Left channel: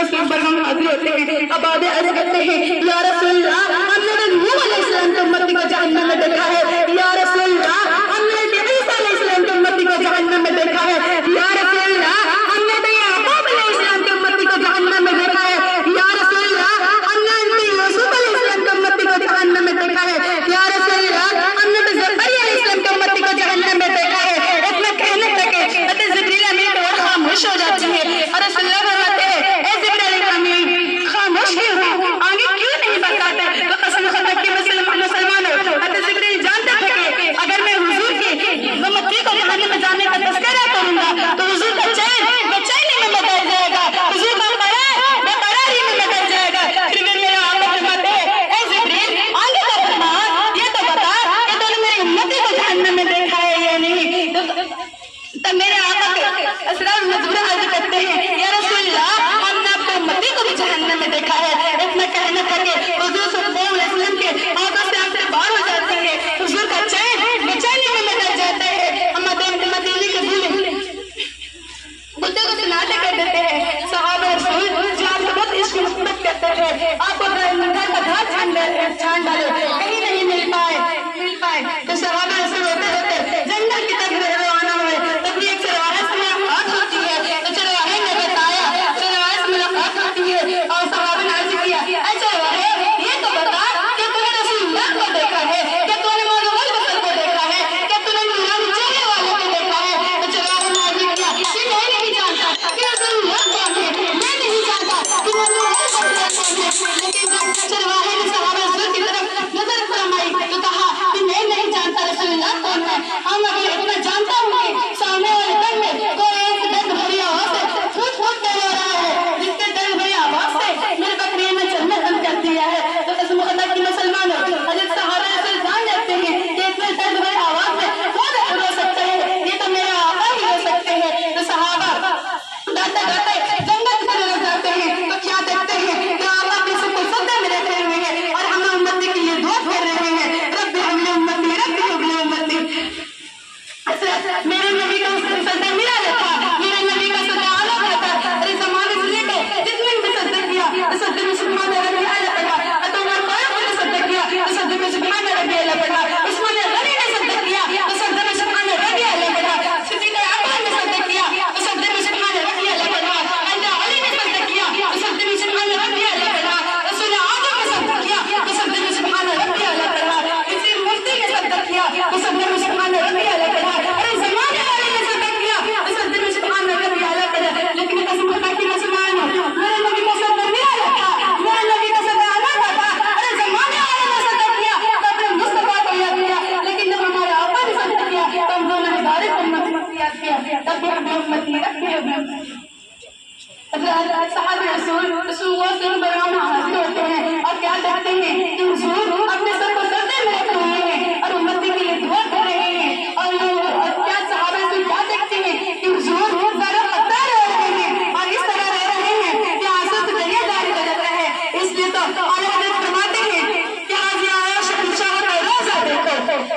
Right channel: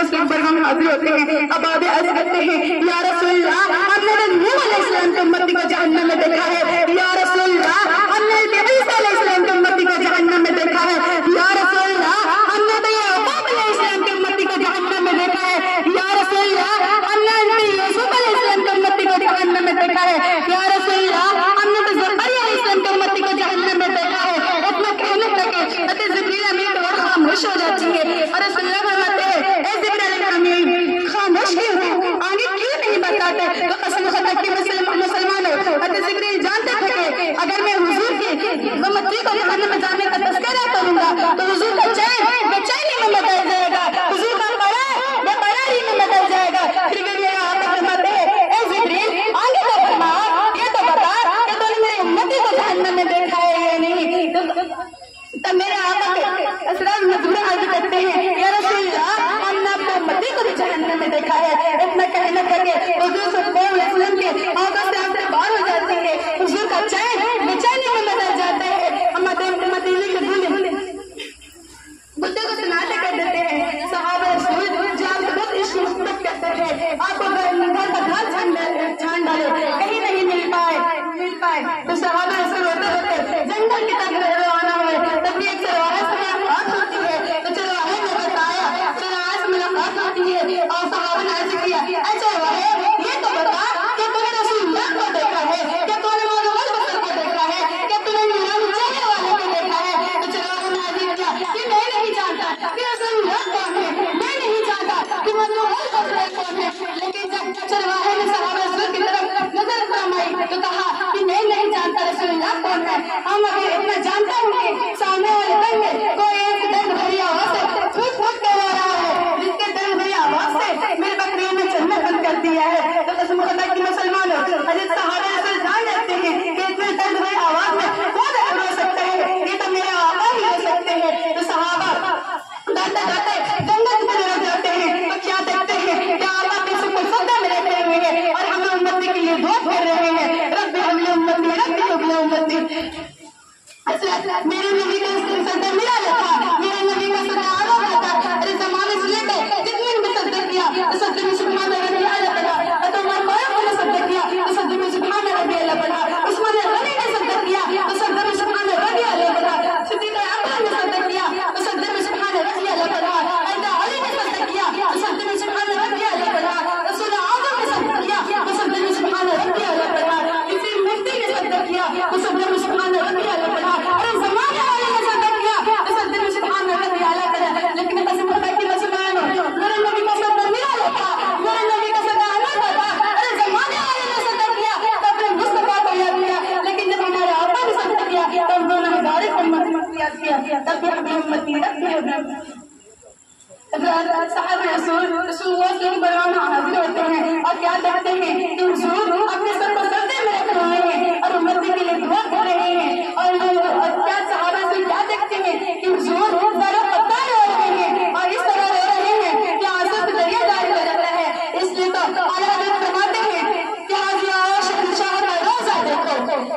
دوستوں برہم حاضر ہوتے ہیں. اب آدھے عرض کرتے ہیں یا رسول اللہ ہم نے نوح علیہ السلام کی امتی کو جہنم میں دیکھا ہے. یا رسول اللہ ہم نے عیسیٰ علیہ السلام کی امتی کو جہنم میں دیکھا ہے. یا رسول اللہ ہم نے یعقوب علیہ السلام کی امتی کو جہنم میں دیکھا ہے. یا رسول اللہ ہم نے یوسف علیہ السلام کی امتی کو جہنم میں دیکھا ہے. یا رسول اللہ ہم نے زکریا علیہ السلام کی امتی کو جہنم میں دیکھا ہے. اتنا کہنے لگے حضرت جبریل امین اور خاموش ہو جاتی ہے اور رسول اللہ فرماتے ہیں اے جبریل امین خاموش کیوں ہو, آگے کیوں نہیں بتاتے؟ تو قسم خدا کی مسلمانوں حضرت جبریل جانتے تھے کہ اگر میں حضور کی امتی کو جہنم میں جانے کا تذکرہ کروں گا تو حضور کا چین بے چینی میں بدل جائے گا, حضور کا قرار بے قراری میں بدل جائے گا. پھر بھی میرا آقا فرماتے ہیں اے جبریل آگے تو فرما, یہ تو بتا کہ تو نے میری امتی کو جہنم میں دیکھا ہے یا نہیں. تب میرے آقا کے اسرار مجبورہ عرض کرتے ہیں یا رسول اللہ ہم نے اپنے امتی کو بھی جہنم میں دیکھا ہے. اتنا کہنے لگے حضور صلی اللہ علیہ وسلم کے آنکھوں سے آنکھیں باہر ہو جاتی ہے, حضور کا چین بے چینی میں بدل جاتا ہے. مدینے کے بھولے بچے کو سناتے کر دیتے ہیں صحابہ رسول جو آپ کو بہت عشق محبت کرتے تھے, آپ کو گھر کا گھر چھان ڈالے کہیں نہیں مل پائے تو صحابہ رسول ہوتے جنگل کی طرف روانہ ہوئے. تب ایک سے روایت سے ملاقات ہوتی ہے تو چلواہے نے بتایا, چلواہے سے ملاقات ہوتی ہے اور صحابہ نے عرض کیا اے چلواہے یہ تو بتا کہ تو نے رسول اللہ کو دیکھا ہے, کہ تو نے مولا بسر کو دیکھا ہے, کہ تو نے نورانی چہرے والے کو دیکھا ہے. تو چلواہے نے عرض کیا کہ میں نہیں جانتا کہ رسول اللہ کون ہے, میں نہیں جانتا کہ رسول اللہ کون ہے. لیکن جب چلواہے نے صحابہ رسول کی طرف نظر فرمائی تو کہا کہ میں نہیں جانتا رسول اللہ کون ہے. ہم ابھی اتنا جانتا ہوں کہ سامنے والے دن میں کوئی ایک درد بھری آواز سے پھوٹ پھوٹ کر رو رہا ہے, جس کے درد بھری آواز سے میرے بکریوں نے چلنا بند کر دیا ہے. تو قسم خدا کی مسلمانوں حضرت صحابہ رسول جان جاتے ہیں کہ اتنے درد بھری آواز میں کون رو سکتا ہے, یہ تو میرے آقا ہی رو سکتے ہیں. تو صحابہ گاتے گاتے جنگل کی طرف جاتے ہیں تو کیا دیکھتے ہیں کہ آقا کسی کو سجدے میں رکھے ہوئے ہیں اور ہمیں امتی کے لیے دعا کر رہے ہیں رب حبل امتی رب حبل امتی. میرے نبی کا سجدہ ملا رہا, میرے نبی کا سجدہ عالم رہتا. ارے زمانے سے لے کے جتنے بھی سجدہ کیا سجدے میں سبحان ربی اعلیٰ پڑھا, تو عمر فاروق نے سجدہ کیا تو سجدے میں سبحان ربی اعلیٰ پڑھا, عثمان غنی نے سجدہ کیا تو سجدے میں سبحان ربی اعلیٰ پڑھا, صدیق اکبر نے سجدہ کیا تو سجدے میں سبحان ربی اعلیٰ پڑھا, حضرت علی نے سجدہ کیا تو سجدے میں سبحان ربی اعلیٰ پڑھا, رسول اعظم نے سجدہ کیا تو سجدے میں سبحان ربی اعلیٰ پڑھا, کسی مفتی نے سجدہ کیا تو سجدے میں سبحان ربی اعلیٰ پڑھا. ارے زمانے والے نے سجدہ کیا تو سجدے میں سبحان ربی اعلیٰ پڑھا. لیکن قسم خدا کی مسلمانوں میرے نبی کا سجدہ میرا رکھا, میرے نبی کا سجدہ الگ تھا. ارے زمانے والے نے سجدہ کیا تو اپنے مصطفیٰ کو یاد کیا, لیکن جب ہمارے آقا نے سجدہ کیا تو ہم دونوں ہزارے امت کو یاد کیا. تب بھی ہمیں امتی رکھتے ہیں. صحابہ رسول اللہ صلی اللہ علیہ وسلم برہم حاضر ہوتے ہیں اور کیا کہتے ہیں کہ حضور اپنے سر کو سجدے میں رکھ رہے ہیں اور امتی کے لیے دعا کر رہے ہیں. اور کیا صحابہ رسول کیا دیکھتے ہیں کہ حضور ذرا پتہ رو رہے ہیں اور اس طرح رو رہے ہیں کہ آنسو سے دریا جاری ہو جاتا ہے. اس لیے تو اعلیٰ حضرت فرماتے ہیں کہ آج یہ عائشہ بن شاہ کا روزہ دیکھو,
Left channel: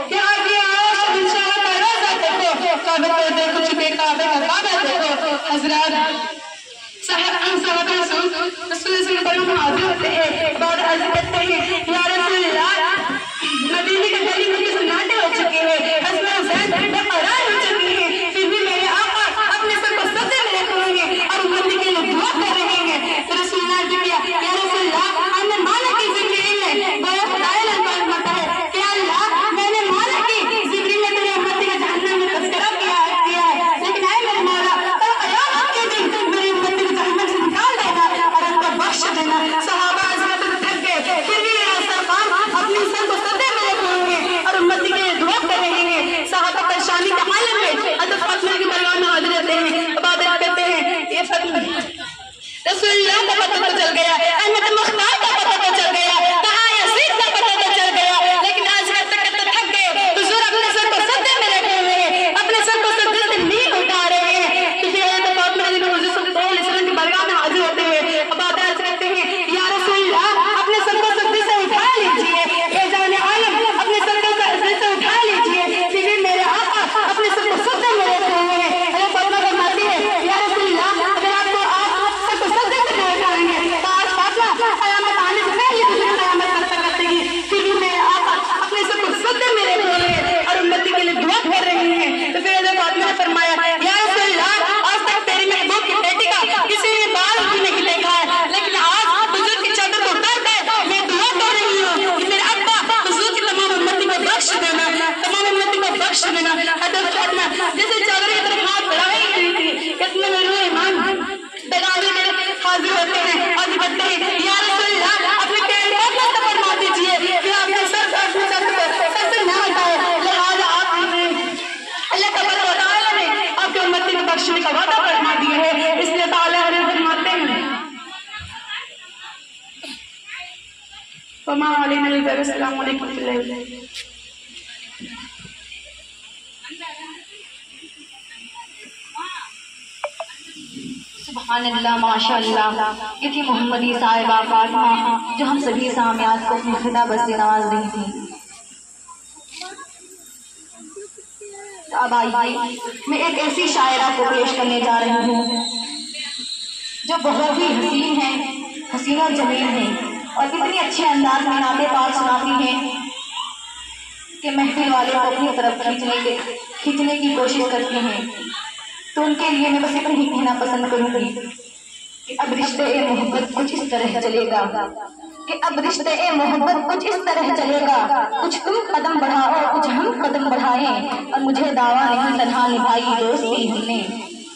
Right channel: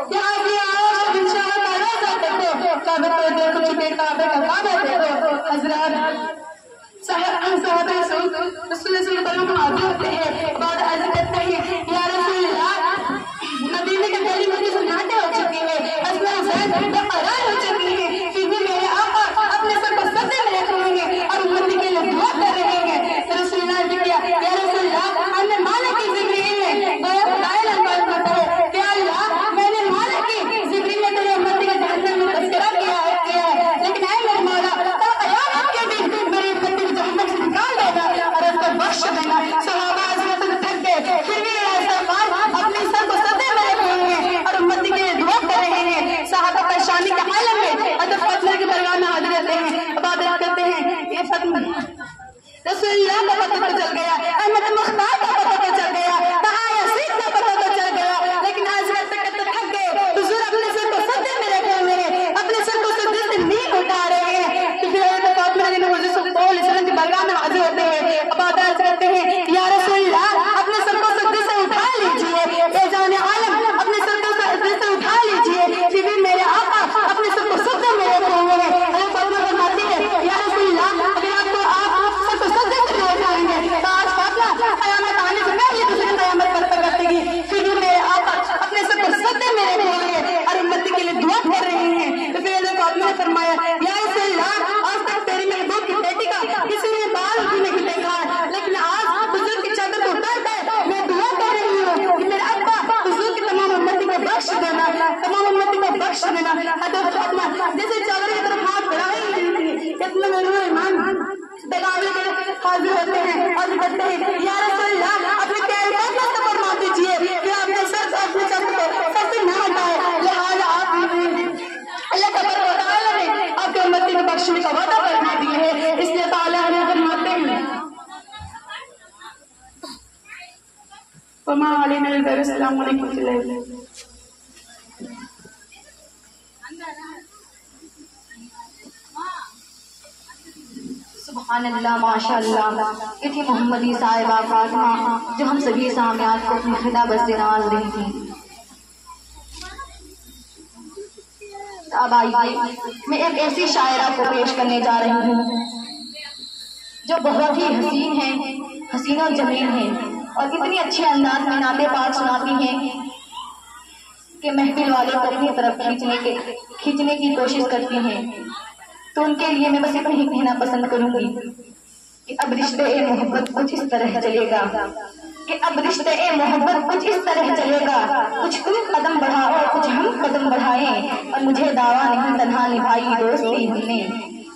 کہ آج یہ عائشہ بن شاہ کا روزہ دیکھو, کعبے کو دیکھ چکے کعبے کا کعبہ دیکھو. حضرات صحابہ رسول اللہ برہم حاضر ہوتے ہیں, بعد عرض کرتے ہیں یا رسول اللہ مدینے کے گلی میں سناٹے ہو چکے ہیں, اسماء حسین بے قرار ہو چکی ہیں, پھر بھی میرے آقا اپنے سر کو سجدے میں رکھ رہے ہیں اور امتی کے لیے دعا کر رہے ہیں. تو رسول اللہ نے کیا یا رسول اللہ ہم نے مانا کہ جبریل نے گویا خدای الفاظ ہوتا ہے کہ اللہ میں نے مانا کہ جبریل نے تیرے امتی کے جہنم میں تذکرہ کیا ہے, لیکن اے میرے مولا کل قیامت کے دن میری امتی کو جہنم سے نکال دینا اور ان کو بخش دینا. صحابہ حضرت تھک گئے اللہ۔ سبحان اللہ، ماشاء اللہ، یہ تھی محمدی صاحبہ فاطمہ جو ہم سبھی سامعات کو اپنی خطابت سے نواز رہی تھی۔ اب آئیے میں ایک ایسی شاعرہ کو پیش کرنے جا رہی ہوں جو بہت ہی حسین ہے، حسین اور جمیل ہے، اور اتنی اچھے انداز میں نعت پاک سناتی ہیں کہ محفل والے کو اپنی طرف کھینچنے کی کوشش کرتی ہیں۔ تو ان کے لیے میں بس اتنا ہی کہنا پسند کروں گی کہ اب رشتے محبت کچھ اس طرح چلے گا، کہ اب رشتے محبت کچھ اس طرح چلے گا، کچھ تم قدم بڑھاؤ کچھ ہم قدم بڑھائیں، اور مجھے دعویٰ نہیں تنہا نبھائی دوستی ہم نے،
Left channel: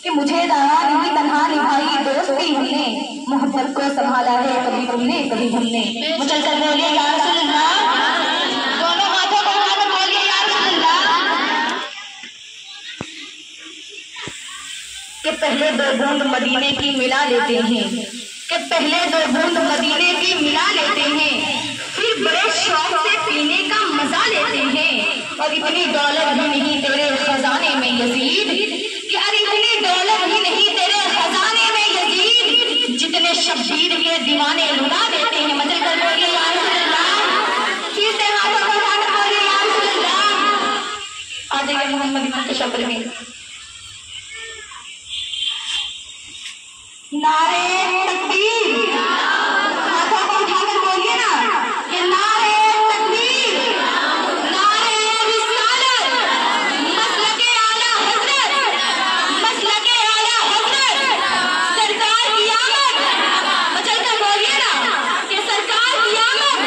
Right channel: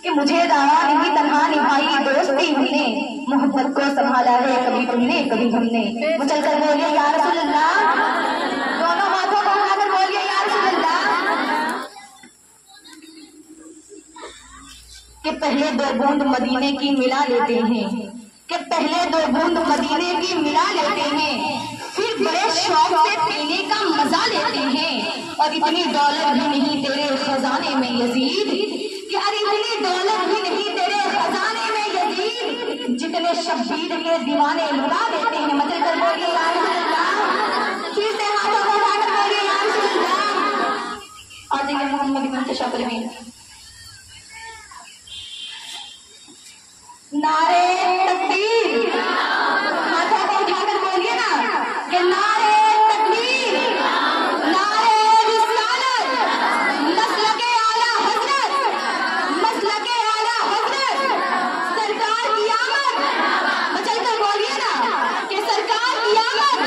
کہ مجھے دعویٰ نہیں تنہا نبھائی دوستی ہم نے، محبت کو سنبھالا ہے کبھی تم نے کبھی ہم نے۔ چل کر بولیے یا رسول اللہ، دونوں ہاتھوں کو اٹھا کر بولیے یا رسول اللہ۔ کہ پہلے دو بوند مدینے کی ملا لیتے ہیں، کہ پہلے دو بوند مدینے کی ملا لیتے ہیں، پھر بڑے شوق سے پینے کا مزہ لیتے ہیں، اور اتنی دولت بھی نہیں تیرے خزانے میں یزید، کہ اتنی دولت بھی نہیں تیرے خزانے میں یزید، جتنے شبیر کے دیوانے لٹا دیتے ہیں۔ مدد کر بولیے یا رسول اللہ، پھر سے ہاتھوں کو اٹھا کر بولیے یا رسول اللہ۔ آ جائیے محمد منتشر کریں۔ نعرے تکبیر، ہاتھوں کو اٹھا کر بولیے نا کہ نعرے تکبیر، نعرے رسالت، مسلک اعلیٰ حضرت، مسلک اعلیٰ حضرت، سرکار کی آمد، چل کر بولیے نا کہ سرکار کی آمد،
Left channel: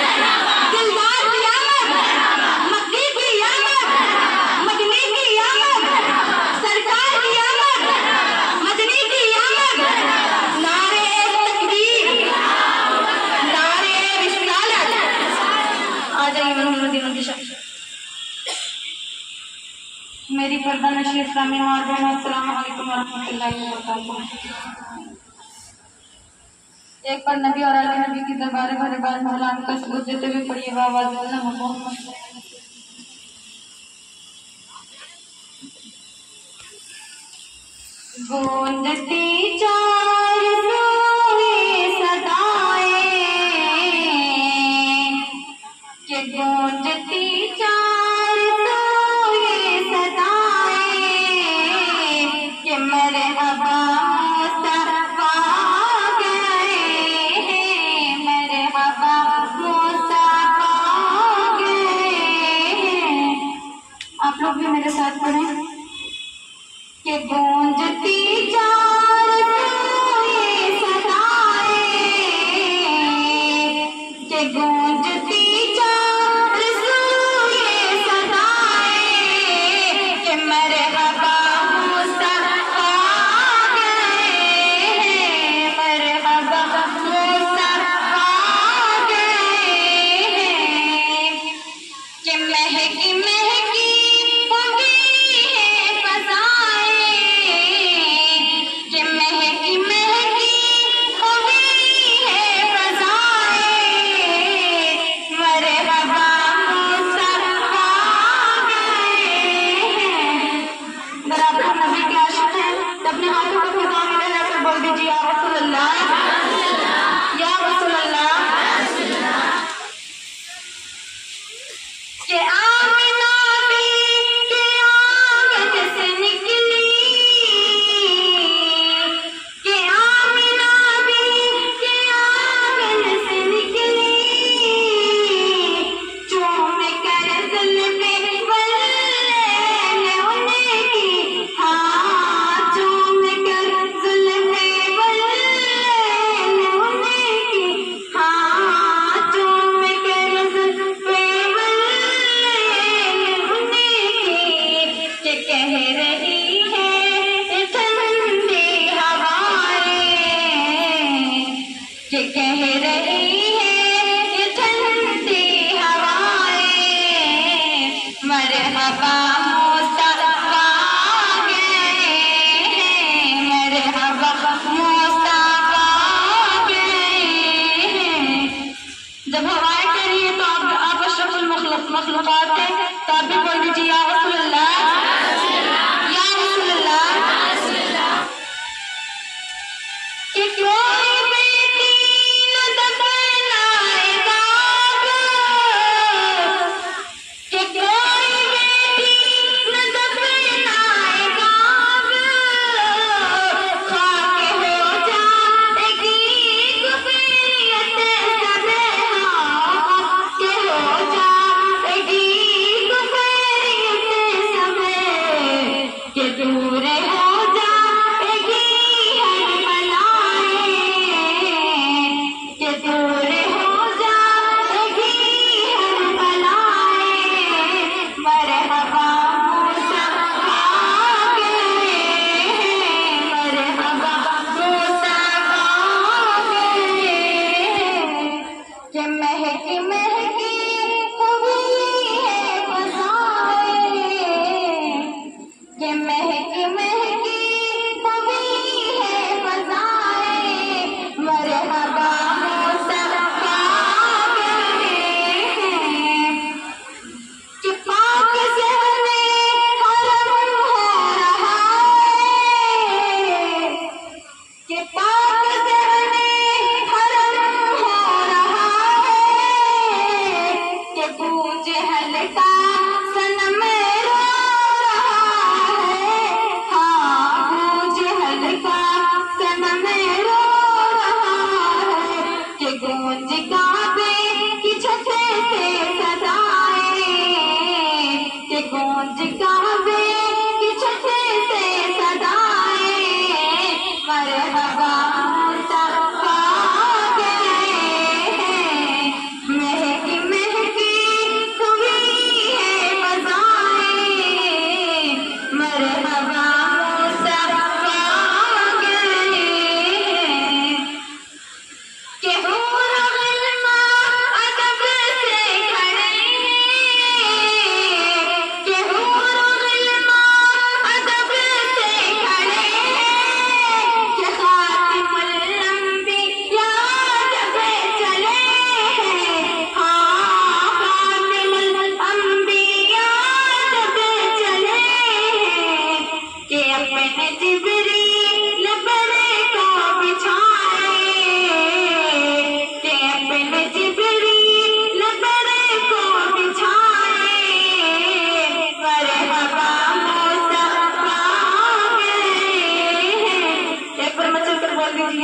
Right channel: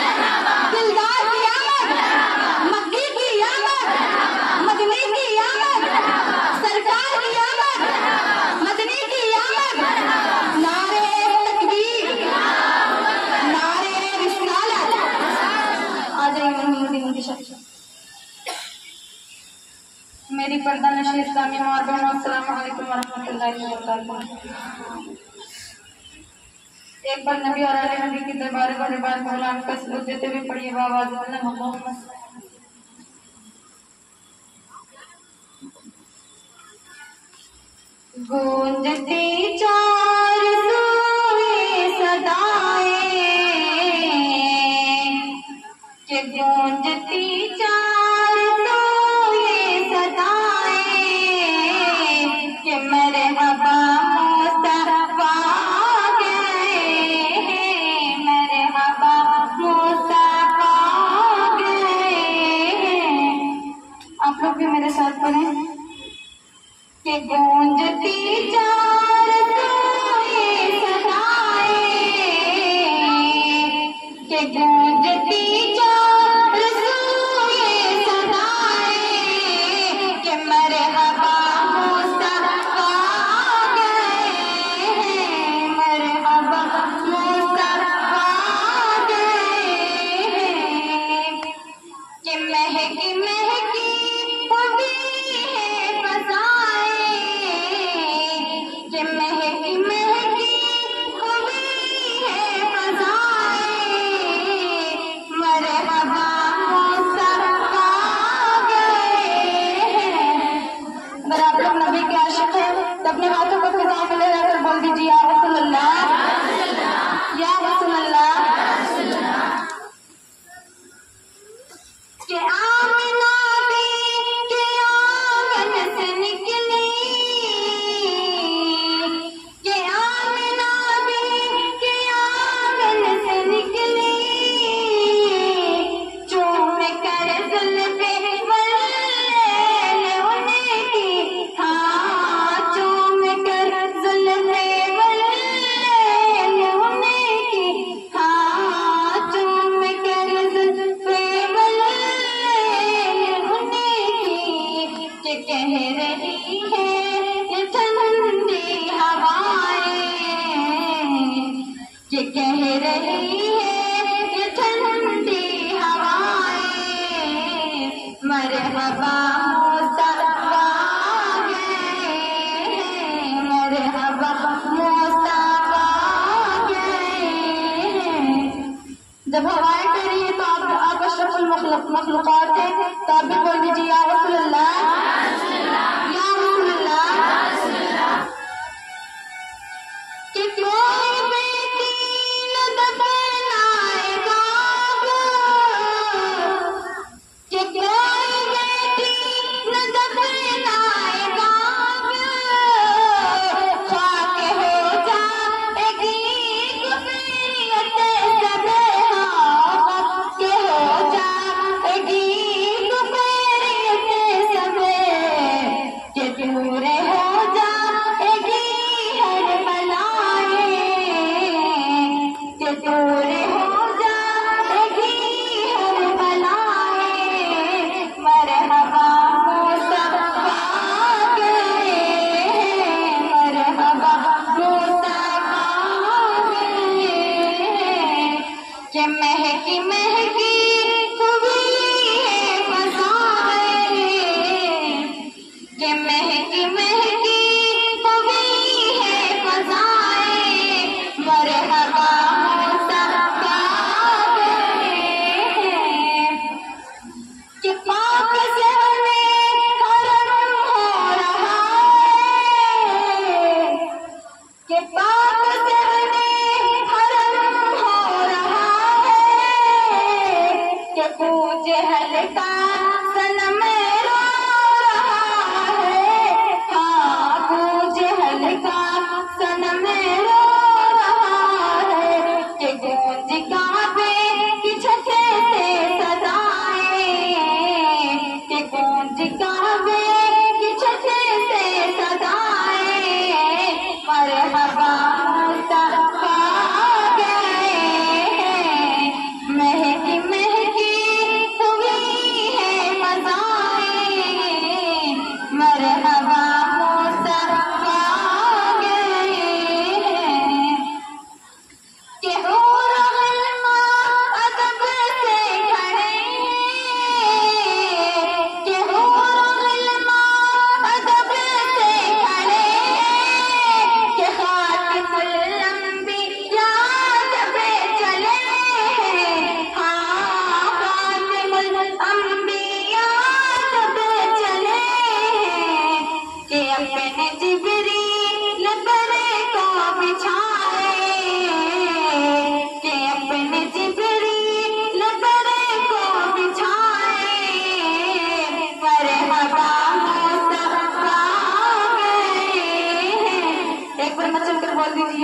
دلدار کی آمد، مکی کی آمد، مدنی کی آمد، سرکار کی آمد، مدنی کی آمد، نعرے تکبیر، نعرے رسالت۔ آ جائیے محمدی منتشر۔ میری پردہ نشی اسلامی ماں بہنوں، السلام علیکم ورحمۃ اللہ وبرکاتہ۔ ایک بار نبی اور اہل نبی کی دربار بھرے بار مولانا کا سلوک دیتے ہوئے پڑھیے بآواز اللہ محمد۔ گونجتی چار سوئے صدائیں، کہ گونجتی چار سوئے صدائیں، کہ مرحبا مصطفیٰ گئے ہیں، مرحبا مصطفیٰ گئے ہیں۔ آپ لوگ بھی میرے ساتھ پڑھیں کہ گونجتی چار سوئے صدائیں، کہ گونجتی چار سوئے صدائیں، کہ مرحبا مصطفیٰ گئے ہیں، مرحبا مصطفیٰ گئے ہیں، کہ مہکی مہکی ہوئی ہے فضائیں، کہ مہکی مہکی ہوئی ہے فضائیں، مرحبا مصطفیٰ گئے ہیں۔ اگر آپ لوگ نبی کے عاشق ہیں تو اپنے ہاتھوں کو فضا میں لے کر بول دیجیے یا رسول اللہ، یا رسول اللہ۔ کہ آمنہ بھی کہ آنگن سے نکلی، کہ آمنہ بھی کہ آنگن سے نکلی، چوم کر زلفے واللیل انہیں کی، ہاں چوم کر زلفے واللیل انہیں کی، ہاں چوم کر زلفے واللیل انہیں کی، کہ کہہ رہی ہے ٹھنڈی ہوائیں، کہ کہہ رہی ہے ٹھنڈی ہوائیں، مرحبا مصطفیٰ گئے ہیں، مرحبا مصطفیٰ گئے ہیں۔ جب ہوائیں کہہ رہی ہے تو آپ اشرف المخلوق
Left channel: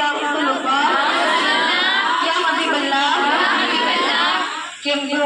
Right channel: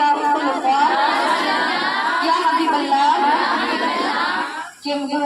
یا رسول اللہ یا حبیب اللہ کہ جو